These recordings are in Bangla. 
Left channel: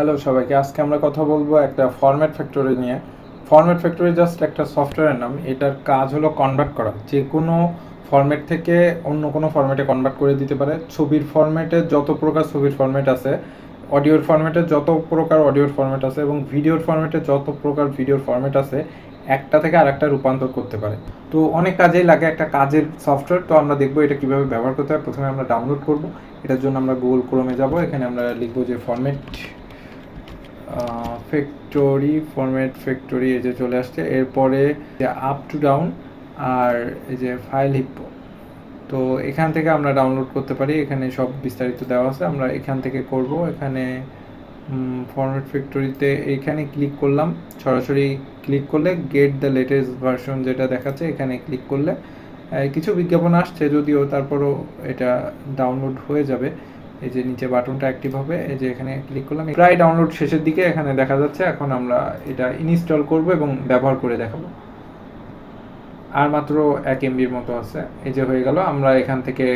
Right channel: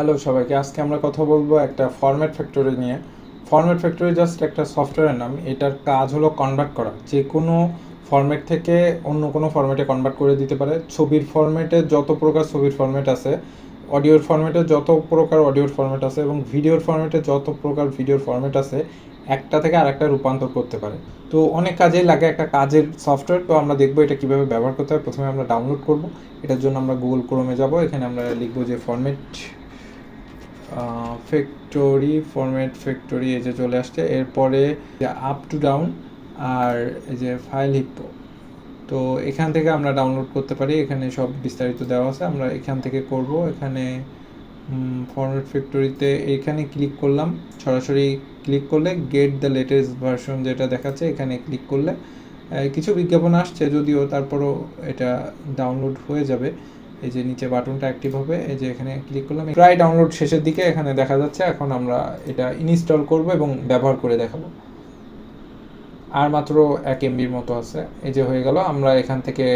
হ্যালো সবাইকে। আজকে আমরা কথা বলবো একটা ফরম্যাট ফ্যাক্টরি নিয়ে। ফরম্যাট ফ্যাক্টরি জাস্ট একটা সফটওয়্যারের নাম। এটার কাজ হলো কনভার্ট করা, যে কোনো ফরম্যাট থেকে অন্য কোনো ফরম্যাটে কনভার্ট করে দিতে পারে। ছবির ফরম্যাটে যত প্রকার ছবির ফরম্যাট আছে, অডিওর ফরম্যাটে যত প্রকার অডিওর ফরম্যাট আছে, এবং ভিডিওর ফরম্যাটে যত প্রকার ভিডিওর ফরম্যাট আছে, একটা থেকে আরেকটা রূপান্তর করতে পারে। তো অনেক কাজেই লাগে একটা কাজের সফটওয়্যার। তো আমরা দেখবো এটা কিভাবে ব্যবহার করতে হয়। প্রথমে আমরা ডাউনলোড করব। এটার জন্য আমরা গুগল ক্রোমে যাব। এখানে আমরা লিখবো যে ফরম্যাট ফ্যাক্টরি, এই যে চলে আসছে। এরপরে আপ টু ডাউন আর এই যে ফাইল হিপ্পো। তো এখান থেকে আমরা ডাউনলোড করতে পারি। এখানে সব বিস্তারিত দেওয়া আছে, আমরা এখান থেকে করব। এখানে ফরম্যাট ফ্যাক্টরিতে এইখানে ক্লিক করলাম। সরাসরি ক্লিক করলে গেট দ্য লেটেস্ট ভার্সন যেটা দেখাচ্ছে, এখানে ক্লিক করলে কিছু বিজ্ঞাপন আসছে যদিও, তারপরও এটা ডাউনলোড হয়ে যাবে। এই যে নিচে বাটনটা অ্যাক্টিভ হবে, এই যে এখানে ক্লিক করলাম। প্রায় ডাউনলোড শেষের দিকে এখানে দেখা যাচ্ছে। এখন আমরা এটা ইনস্টল করব এবং ব্যবহার করে দেখাবো। আর মাত্র 1 MBর মতো আছে। এই যে হয়ে গেল। আমরা এখান থেকে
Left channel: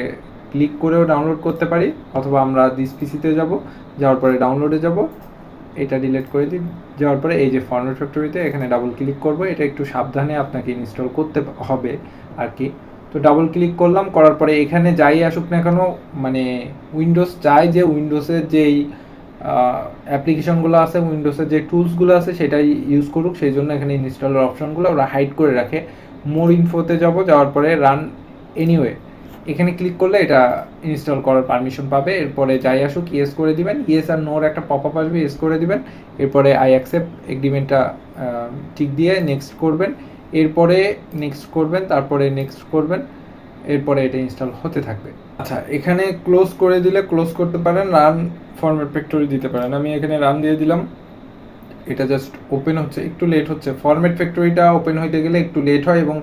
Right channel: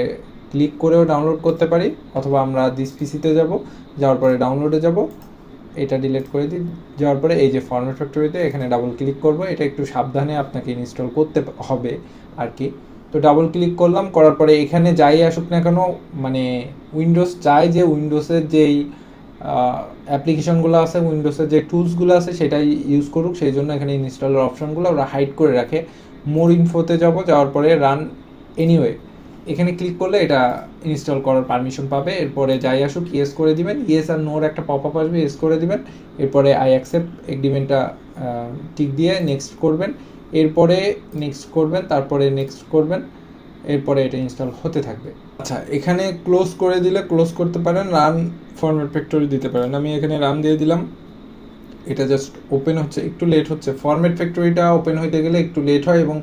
ক্লিক করেও ডাউনলোড করতে পারি, অথবা আমরা দিস পিসিতে যাব, যাওয়ার পরে ডাউনলোডে যাব, এটা ডিলিট করে দিই। যাওয়ার পরে এই যে ফরম্যাট ফ্যাক্টরিতে এখানে ডাবল ক্লিক করব। এটা একটু সাবধানে আপনাকে ইনস্টল করতে হবে আর কি। তো ডাবল ক্লিক করলাম, করার পরে এখানে যাই আসুক না কেন, মানে উইন্ডোজ চাই যে উইন্ডোজের যেই অ্যাপ্লিকেশনগুলো আছে, উইন্ডোজের যে টুলসগুলো আছে সেটাই ইউজ করুক। সেই জন্য এখানে ইনস্টলের অপশনগুলো ওরা হাইড করে রাখে। মোর ইনফোতে যাব, যাওয়ার পরে রান এনিওয়ে এখানে ক্লিক করলে এটা ইনস্টল করার পারমিশন পাবে। এরপরে যাই আসুক ইয়েস করে দিবেন। ইয়েস আর নোর একটা পপ আপ আসবে, ইয়েস করে দিবেন। এরপরে আই অ্যাকসেপ্ট এগ্রিমেন্টটা টিক দিয়ে নেক্সট করবেন। এরপরে নেক্সট করবেন, তারপরে নেক্সট করবেন। এরপরে এটা ইনস্টল হতে থাকবে। আচ্ছা, এখানে ক্লোজ করে দিলে ক্লোজ করতে পারেন, রান ফরম্যাট ফ্যাক্টরি দিতে পারেন। আমি এখানে রান দিয়ে দিলাম। এটা জাস্ট ওপেন হচ্ছে, একটু লেট হচ্ছে। ফরম্যাট ফ্যাক্টরিটা ওপেন হইতে গেলে একটু লেট হয়, এবং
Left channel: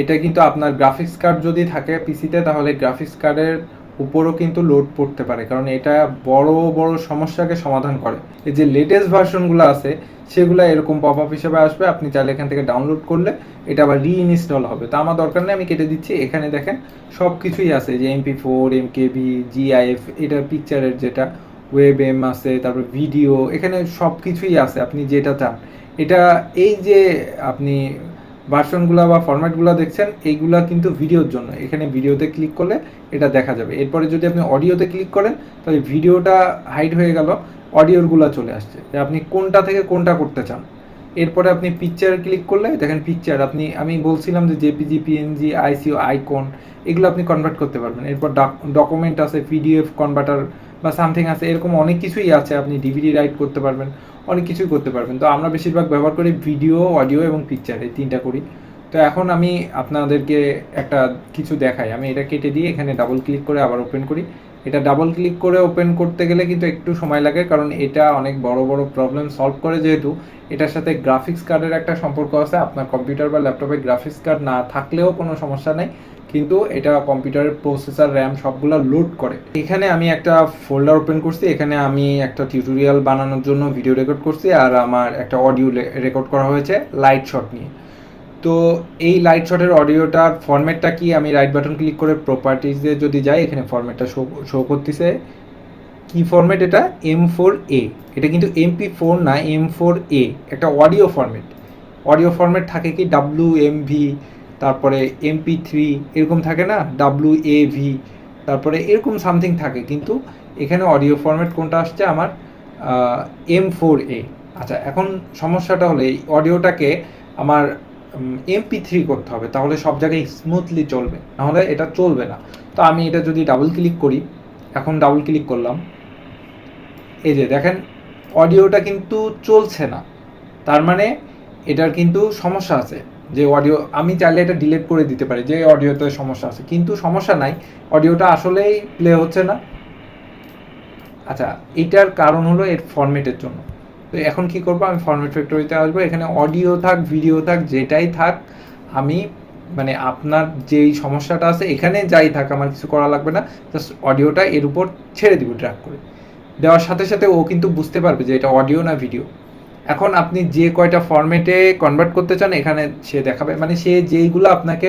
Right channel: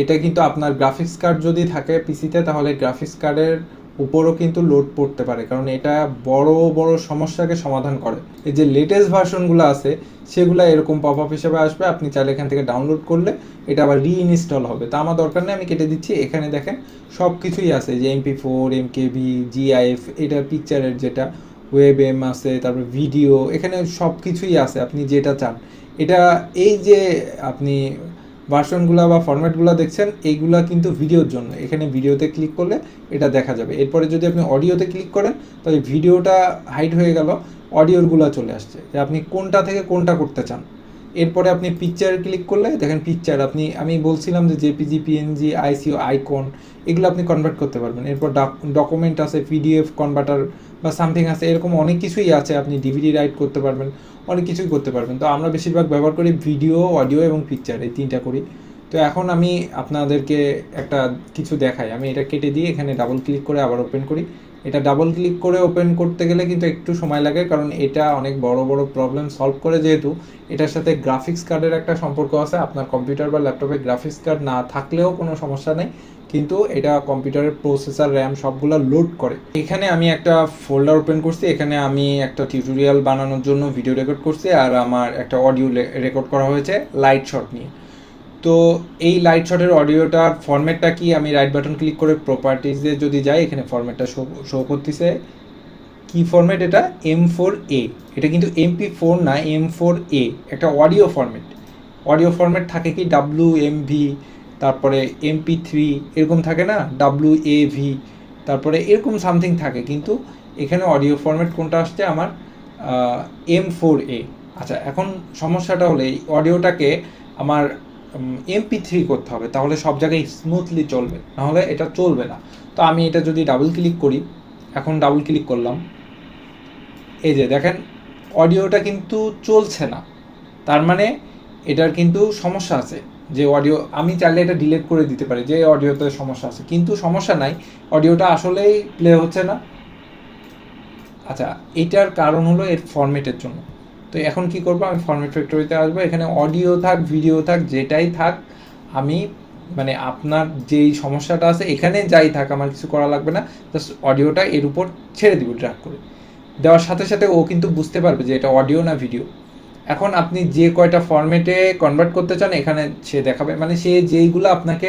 এটা কিন্তু আপনার গ্রাফিক্স কার্ড যদি থাকে পিসিতে, তাহলে গ্রাফিক্স কার্ডের উপরও কিন্তু লোড পড়তে পারে, কারণ এটা বড় বড় সমস্যাকে সমাধান করে। এই যে লেটেস্ট ভার্সনগুলো আছে সেগুলো এরকম পপ আপ হিসেবে আসবে। আপনি চাইলে এখান থেকে ডাউনলোড করলে এটা আবার রিইনস্টল হবে। তো আমার দরকার নেই, আমি কেটে দিচ্ছি। এখানে দেখেন সব কিছুই আছে, যে MP4, MKV, GIF, এটা পিকচারের যেটা ওয়েব এম আছে, তারপর ভিডিও, এখানে সব কিছুই আছে আপনি যেটা চান। এটা এই যে আপনি ভার্সনগুলো বা ফরম্যাটগুলো দেখছেন, এইগুলা কিন্তু ভিডিওর জন্য। এখানে ভিডিওতে ক্লিক করলে এটা দেখা যাবে। এরপরে যদি আপনি অডিওতে ক্লিক করেন, তাহলে ভিডিওটা হাইড হয়ে গেল, অডিওরগুলো চলে আসছে, যে আপনি কোনটা থেকে কোনটা করতে চান। এরপরে আপনি পিকচার ক্লিক করলে দেখেন পিকচার, আমি বলছিলাম যে জেপিজি, পিএনজি, আইসিও, আইকন, এগুলো আপনি কনভার্ট করতে পারবেন। এরপর ডকুমেন্ট আছে, পিডিএফ কনভার্টার বা সামথিং আছে, এরকম অনেক কিছুই আছে। আপনি ডিভিডি রাইট করতে পারবেন, অনেক কিছুই করতে পারবেন। তো আমরা বেশিরভাগ ব্যবহার করি ভিডিও, অডিও এবং পিকচার, এই তিনটা করি। তো এখন আমি আপনাদেরকে একটা কিছু দেখাই। আমি এটা কেটে দিয়ে এখানে ডাবল ক্লিক করে আবার ওপেন করি। এটা ডাবল ক্লিক করে ওপেন করতে গেলে কিন্তু একটু সময় লাগে, কারণ এটা অনেক বড় বড় প্রবলেম সলভ করে। যেহেতু এটার সাথে গ্রাফিক্স কার্ডের একটা সম্পর্ক আছে, আপনার কম্পিউটার বা ল্যাপটপে গ্রাফিক্স কার্ড না থাকলেও কোনো সমস্যা নেই, কিন্তু এটা কম্পিউটারের প্রসেসর, র্যাম সবগুলো লোড করে। এখানে আমি একটা ফোল্ডার ওপেন করছি। এখানে আমি একটা টিউটোরিয়াল বানানোর জন্য ভিডিও রেকর্ড করছি, আর আমার একটা অডিও রেকর্ড করা হয়েছে লাইট শট নিয়ে। তো এই লাইট শটের অডিওটার ফরম্যাটটা কি, আমি রাইট বাটন ক্লিক করে প্রপার্টিজে যদি যাই, এখানে ফরম্যাটটা শো করতেছে। কি ফরম্যাট এটা? M4A। এটা কিন্তু MP4 না, M4A, একটা অডিও ফরম্যাট। অডিও ফরম্যাট থাকে কি WMV, তারপরে MP3, এরকম থাকে না, WAV, তারপরে এরকম সামথিং থাকে, কিন্তু এখানে অডিও ফরম্যাট কোনটা আসছে আমার? M4A। আচ্ছা, এখন সমস্যাটা হলো এই অডিওটাকে আমার MP3 করতে হবে, তাহলে সব জায়গায় স্মুথলি চলবে, নাহলে এটা চলবে না। তো আমি এটা যদি ডাবল ক্লিক করি, এখন ডাবল ক্লিক করলাম, এই যে দেখেন অডিওটা কিন্তু চলছে না। তার মানে এটার কিন্তু সমস্যা আছে। যে অডিও, আমি চাইলে এটা ডিলিট করে দিতে পারি যে অডিওতে সমস্যা আছে, কিন্তু সমস্যা নাই, অডিওটা আসলেই প্লে হচ্ছে না। আচ্ছা, এটার কারণ হলো এর ফরম্যাটের জন্য। তো এখন কি করবো, আমি ফরম্যাট ফ্যাক্টরিতে আসবো। এখানে অডিও থাক, ভিডিও থাক, যেটাই থাক, আমি মানে আপনার যেই সমস্যাটা আছে এখানে যাই থাক, আমার কিছু করা লাগবে না। জাস্ট অডিওটা এর উপর ছেড়ে দিব ড্র্যাগ করে। দেওয়ার সাথে সাথে ও কিন্তু বুঝতে পারবে যে এটা অডিও না ভিডিও। এখন আপনি যে কয়টা ফরম্যাটে কনভার্ট করতে চান এখানে সে দেখাবে, মানে সে যেইগুলো আপনাকে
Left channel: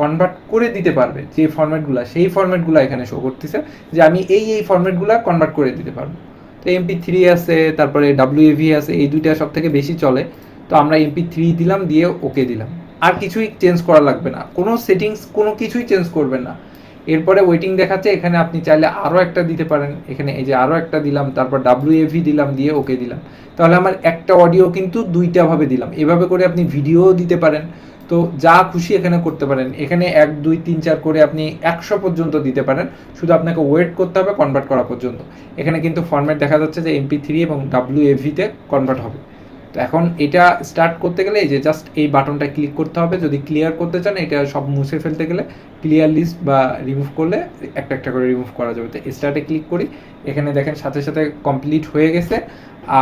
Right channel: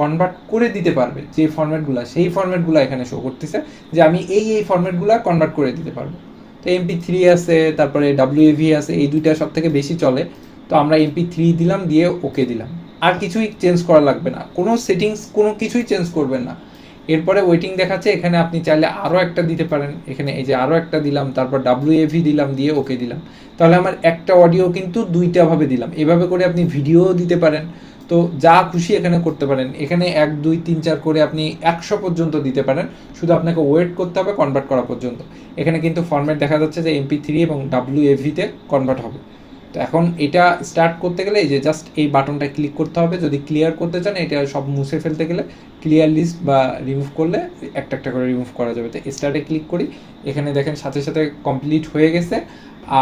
কনভার্ট করে দিতে পারবে, যে ফরম্যাটগুলো, সেই ফরম্যাটগুলো এখানে শো করতেছে যে আমি এই ফরম্যাটগুলো কনভার্ট করে দিতে পারবো। তো MP3 আছে, তারপরে WAV আছে, এই দুইটা সব থেকে বেশি চলে। তো আমরা MP3 দিলাম, দিয়ে ওকে দিলাম। আর কিছুই চেঞ্জ করা লাগবে না, কোনো সেটিংস কোনো কিছুই চেঞ্জ করবেন না। এরপরে ওয়েটিং দেখাচ্ছে, এখানে আপনি চাইলে আরও একটা দিতে পারেন। এখানে এই যে আরও একটা দিলাম, তারপর WAV দিলাম, দিয়ে ওকে দিলাম। তাহলে আমার একটা অডিও কিন্তু দুইটা ভাবে দিলাম। এভাবে করে আপনি ভিডিও দিতে পারেন। তো যা খুশি এখানে করতে পারেন। এখানে 1 2 3 4 করে আপনি 100 পর্যন্ত দিতে পারেন। শুধু আপনাকে ওয়েট করতে হবে কনভার্ট করা পর্যন্ত। এখানে কিন্তু ফরম্যাট দেখা যাচ্ছে যে MP3 এবং WAV তে কনভার্ট হবে। তো এখন এটা স্টার্ট করতে গেলে এই যে জাস্ট এই বাটনটা ক্লিক করতে হবে। যদি ক্লিয়ার করতে চান, এটা সব মুছে ফেলতে গেলে ক্লিয়ার লিস্ট বা রিমুভ করলে একটা একটা করে রিমুভ করা যাবে। তো স্টার্টে ক্লিক করি, এখানে দেখেন সাথে সাথে কমপ্লিট হয়ে গেছে,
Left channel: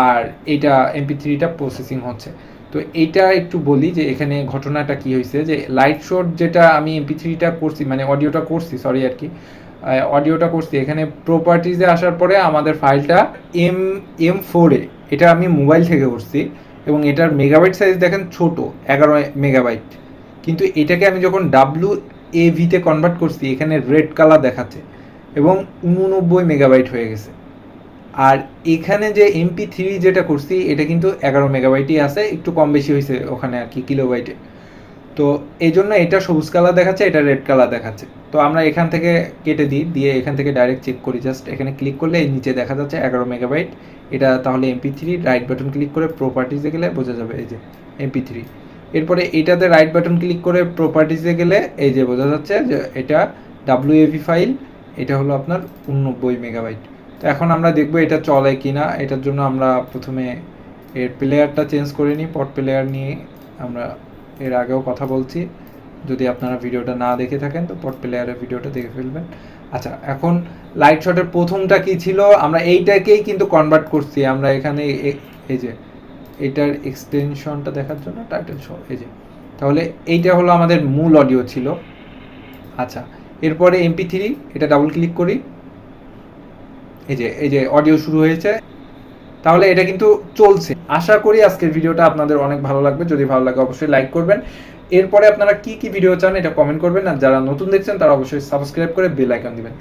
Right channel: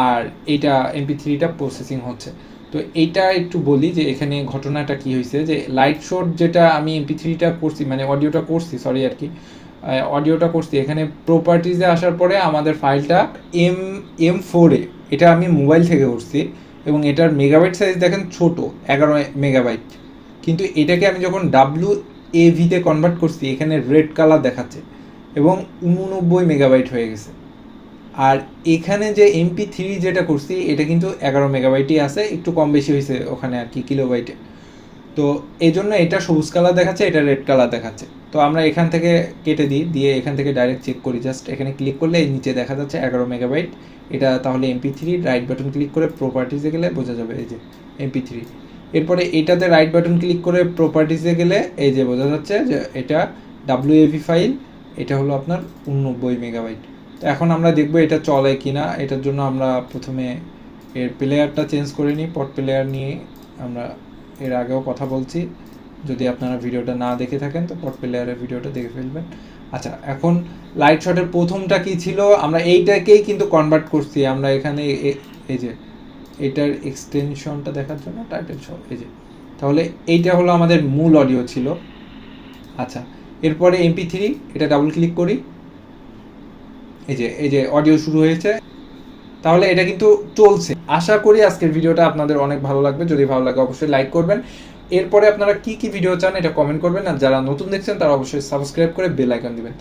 আর এইটা MP3টা প্রসেসিং হচ্ছে। তো এইটা একটু বলি যে এখানে ঘটনাটা কি হয়েছে, যে লাইট শোর যেটা আমি MP3টা করছি, মানে অডিওটা করছি, সরি আর কি, অডিওটা করছি, এখানে প্রপার্টিজে আসার পরে আমাদের ফাইলটা M4 এ, এটা আমি মোবাইল থেকে করছি, এবং এটার মেগাবাইট সাইজ দেখেন ছোট, 11 মেগাবাইট। কিন্তু এটাকে আমি যখন WAV তে কনভার্ট করছি, এখানে রেড কালার দেখাচ্ছে এবং 89 মেগাবাইট হয়ে গেছে। আর এখানে যে MP3 যেটা করছি, এটা কিন্তু 11 মেগাবাইটই আছে, একটু কম বেশি হয়েছে ওখানে আর কি কিলোবাইটে। তো এই জন্য এটা সবুজ কালার দেখাচ্ছে, এটা রেড কালার দেখাচ্ছে। তো আমরা এখান থেকে কেটে দিই, দিয়ে এখান থেকে ডাইরেক্ট চেক করি। জাস্ট এখানে ক্লিক করলে নিচে দেখা যাচ্ছে 11 মেগাবাইট। এটা তাহলে MP3, রাইট বাটন ক্লিক করে প্রপার্টিজে গেলে বোঝা যাবে এই যে MP3। এরপরে এটাতে রাইট বাটন ক্লিক করে প্রপার্টিজে গেলে এই যে বোঝা যাচ্ছে যে এটা WAV ফাইল, এটা হলো আপনার 89 মেগাবাইট। তো এখন আমরা দেখবো এটা চলে কিনা। এটার জন্য আমরা প্রথমে এর প্লেয়ারটা চেঞ্জ করে নিই। পড প্লেয়ার নিয়ে আমরা এর আগেও কথা বলছি, যদি আপনারা ভিডিওটা না দেখে থাকেন তো পড প্লেয়ারের ভিডিওটা দেখে ফেলবেন। আচ্ছা, এখন লাইট শটের প্রথমটা কি ছিল, আমরা এইটাকেই কিন্তু কনভার্ট করছি। আমরা এখানে এই যে এটার এক্সটেনশনটা দেখার জন্য টাইটেল শো, এই যে, তাহলে এইটা হলো আমাদের মূল অডিও ছিল। আচ্ছা, এরপরে MP3, এটা ডাবল ক্লিক করি, এই যে অডিও শুরু হয়েছে। তাহলে এটা কিন্তু চলছে। আশা করি আজকের ভিডিওটা আপনাদের অনেক ভালো লাগবে। যদি ভালো লাগে অবশ্যই লাইক করবেন। এরপরে আপনারা কি কি ভিডিও চান এটা কমেন্ট করবেন, আর যারা নতুন দেখছেন তারা অবশ্যই সাবস্ক্রাইব করে বেল আইকন দিবেন।